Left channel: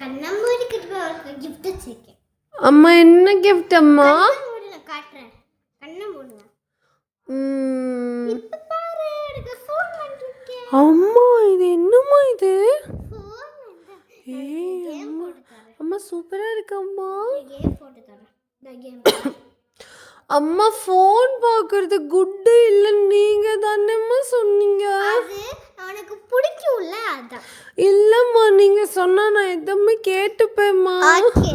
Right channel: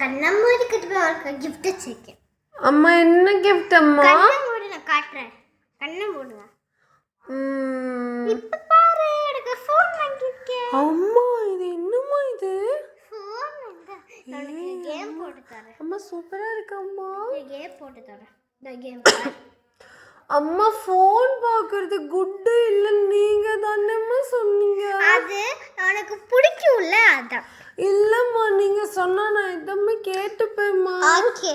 கண்ணம்மாடிக்கிட்ட போய் அவருக்கு gift வச்சிருக்கேன். அம்மா என்ன gift அம்மா? கண்ணை மூடு நான் காட்டுறேன். கண்ணை மூடுங்க. இப்ப பாரு எனக்கு ஃபோன் வாங்கிருக்கேன். அம்மா இது என்னம்மா இது? ஃபோன் வந்து கேம் போட்டு தரேன். அம்மா சூப்பரா இருக்கு அம்மா. கேம் போட்டு தரேன். இந்த கேம். அம்மா ஃபோன் பார்க்கறது குட் இல்ல நீங்க தானேம்மா சொன்னீங்க. அது எனக்கு பிடிக்கும்ல அதான். இல்லம்மா நீங்க சொன்னா நான் எதுவுமே கேட்டுப்பேம்மா. ஓகே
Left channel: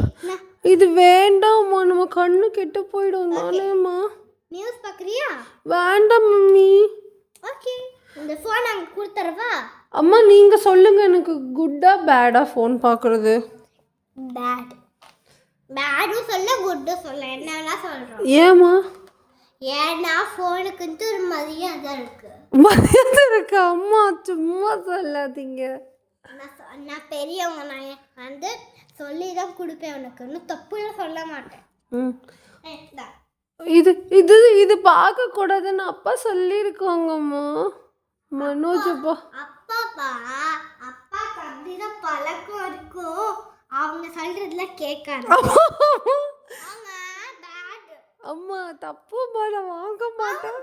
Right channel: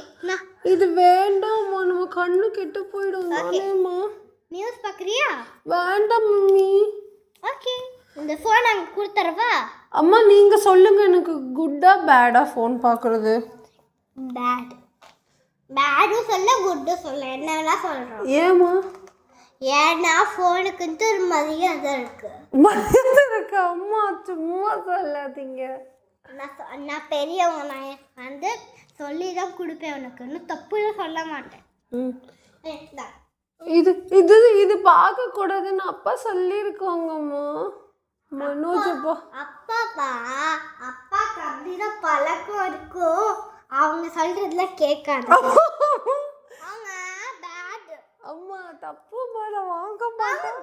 இது வேண்டாம்மா நம்ம கண்ணு கெட்டு போயிடும் தானேம்மா. நியூஸ் பார்க்கறியா? வேண்டாம் நீ. ஓகே இந்த ஃபோன் அங்க கொடுத்துறவா? அம்மா நீங்க சொல்லுங்க எனக்கு குட்டா பேடா ஃபோன் பார்க்கறது? பேட். பேடும் சொல்ல குட்டும் சொல்ல என்ன வேணா சொல்றோம். ஏம்மா? ஏன்னா ஃபோனுக்கு ஒரு மரியாதை இருக்கு. மரியாதை இருக்கு அம்மா சும்மா சொல்லாதீங்க. நான் பெரியவங்க நான் வந்து சொல்லி தான் கொடுப்பேன் உனக்கு. இன்னும் தப்புலாம் சொல்ல மாட்டேன். இது இது இது பார்க்க கூடாதுன்னு அப்பா சொல்லியிருக்காங்கம்மா. மனோஜ் அப்பா அப்படிதான் பழக்கம் இருக்கும். அவங்க சொல்றதுல கேட்காது. அம்மா தப்பு மேல வாங்க மாட்டேன்.